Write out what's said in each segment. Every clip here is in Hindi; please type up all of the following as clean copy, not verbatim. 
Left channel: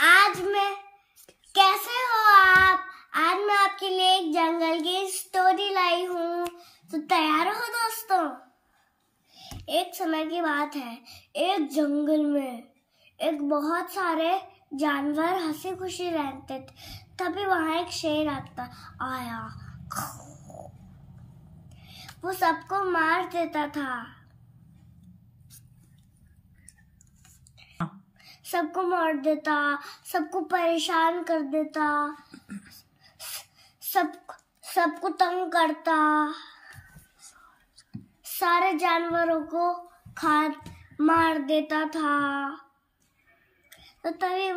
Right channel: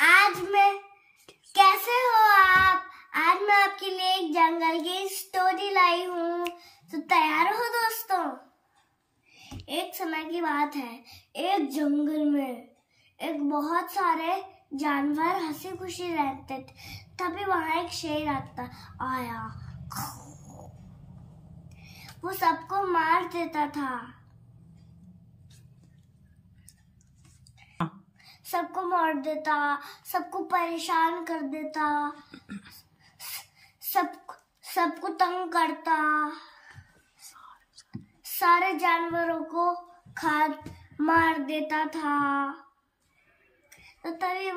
आज मैं कैसे हो आप? आज मैं आपके लिए एक जंगल की स्टोरी लाई हूँ, तो तैयार हो दोस्तों? एक समय की बात है, एक जंगल में एक बहुत सारे जानवर हंसी खुशी रहते थे। तभी वहां एक शेर आया। वो सबको मार देता था, सबको मार देता, सबको परेशान कर देता, सबको तंग करता, सारे जानवरों को मार देता था। तो तभी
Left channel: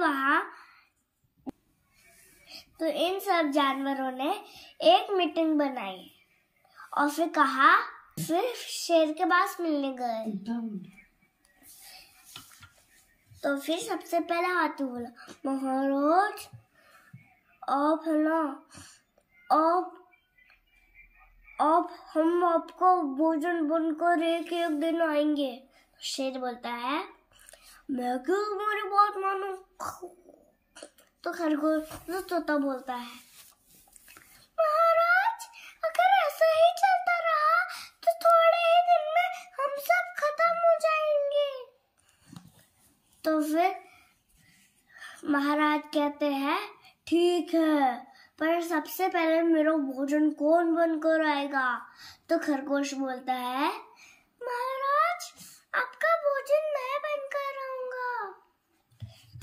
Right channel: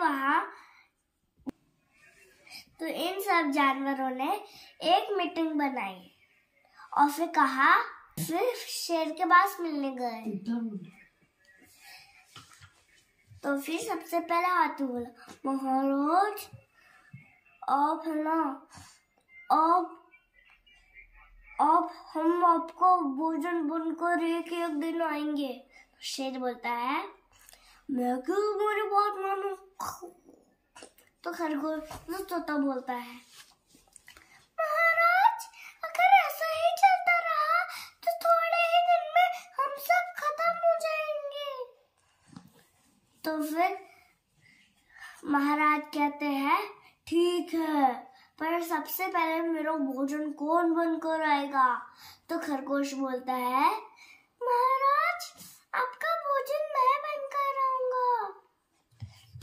तो इन सब जानवरों ने एक मीटिंग बनाई और फिर कहा, फिर शेर के पास मिलने गए। तो फिर सबसे पहले हाथी बोला, महाराज आप है ना, आप हम आपको भोजन बनकर एक दिन आएंगे। शेर बोलता है, मैं क्यों तुम्हारी बात मानूं? तो खरगोश तो तोता बोलता है, महाराज अगर ऐसा ही चलता रहा तो थोड़े ही दिन में हम सब खत्म हो जाएंगे। तो फिर महाराज कहते हैं, ठीक है, पर सबसे पहले मेरा भोजन कौन बनकर आएगा? तो खरगोश बोलता है, महाराज आपका भोजन मैं बनकर आऊंगा।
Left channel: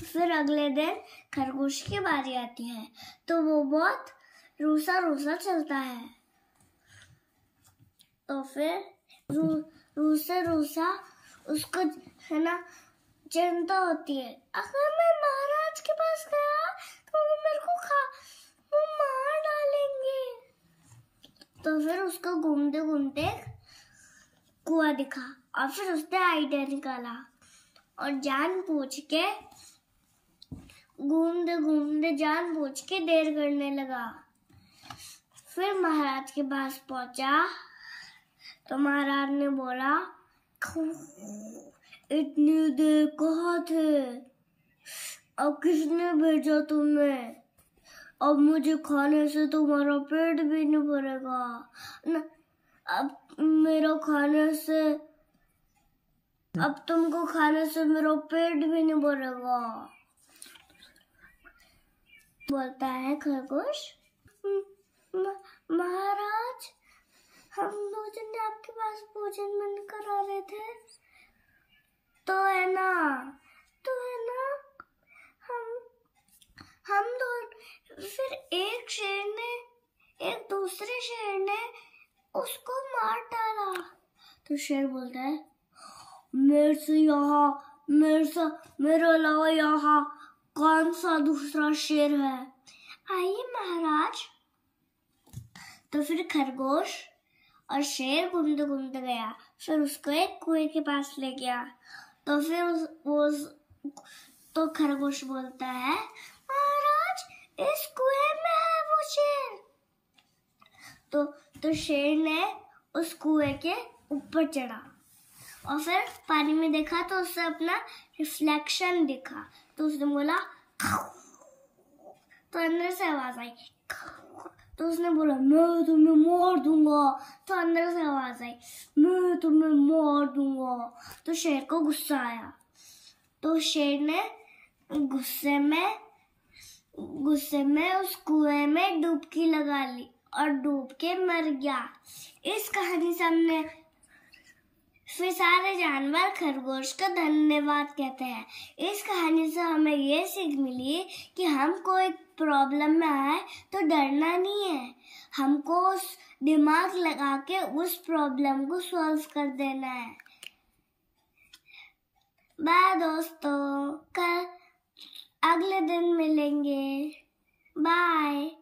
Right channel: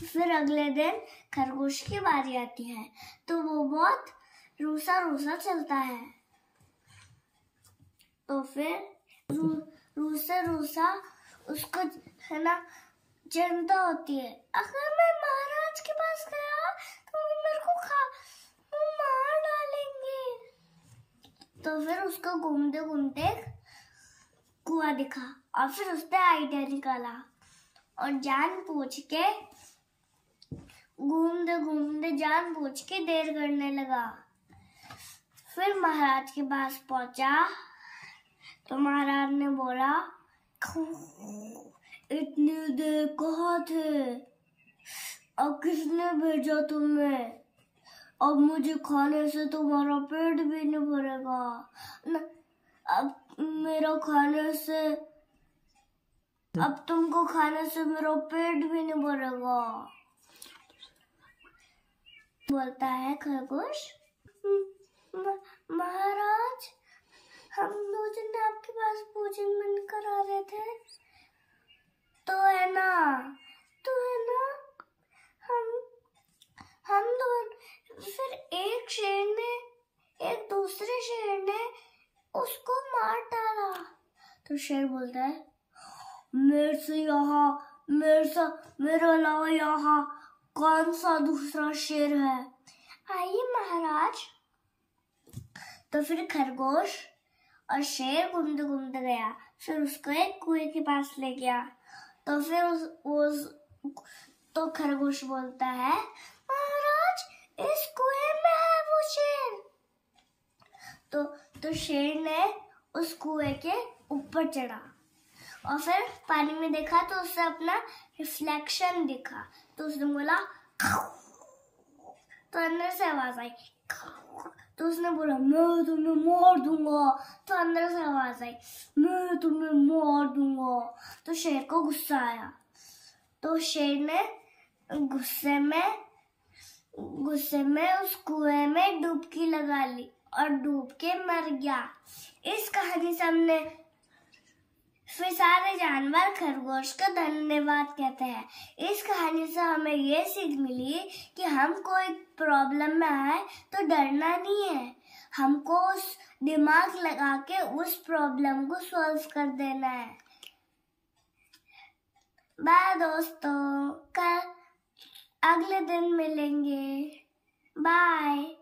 फिर अगले दिन खरगोश की बारी आती है, तो वो बहुत रूसा रूसा चलता है। तो फिर रूसा उसको है ना चिंता होती है, अगर मैं महाराज के पास गया तो वो मेरे को मार डालेंगे। तो फिर उसको घूमते घूमते कुआं दिखा और फिर उसने आइडिया निकाला और घूमते के देर करने लगा। फिर महाराज के पास पहुंचा तो महाराज ने बोला, इतनी देर कहाँ थे? अब किसने भेजा तुम्हें? अब मुझे खाने से तुम्हारा पेट भी नहीं भरेगा ना। अब तुमको खाने से मेरा पेट भी नहीं भरेगा। बोलता है खरगोश, महाराज हम दो जन आपके पास भोजन बनकर आ रहे थे, तो है ना हम दो। फिर एक दूसरे शेर ने उसको मार डाला। तो शेर बोलता है, मेरे अलावा यहाँ कौन सा दूसरा शेर है? आइए महाराज। तो फिर खरगोश और शेर घूमते घूमते गया, फिर उसको एक कुएं के पास ले गया। तो फिर तो खरगोश बोलता है, महाराज इस कुएं में है वो शेर। तो शेर ने उस कुएं के ऊपर चढ़ा और फिर पानी में देखा तो उससे अपना रिफ्लेक्शन दिखा। तो उसने बोला, तो अंदर से आवाज आई। तो उसने बोला, मैं तुम्हें मार दूंगा। तो अंदर से आवाज आई, मैं तुम्हें मार दूंगा। तो शेर को गुस्सा आया, तो शेर ने गुस्से में उस कुएं में डुबकी लगा ली और डूब के मर गया। इस कहानी से हमने फिर सारे जानवर खरगोश को धन्यवाद कहते हैं। इस कहानी से हमें ये सीख मिली कि हम कोई प्रॉब्लम में आए तो डरना नहीं है, हमको उस दिमाग लगा के उस प्रॉब्लम को सॉल्व कर देना है। बाय दोस्तों, कल अगले दिन मिलेंगे। बाय।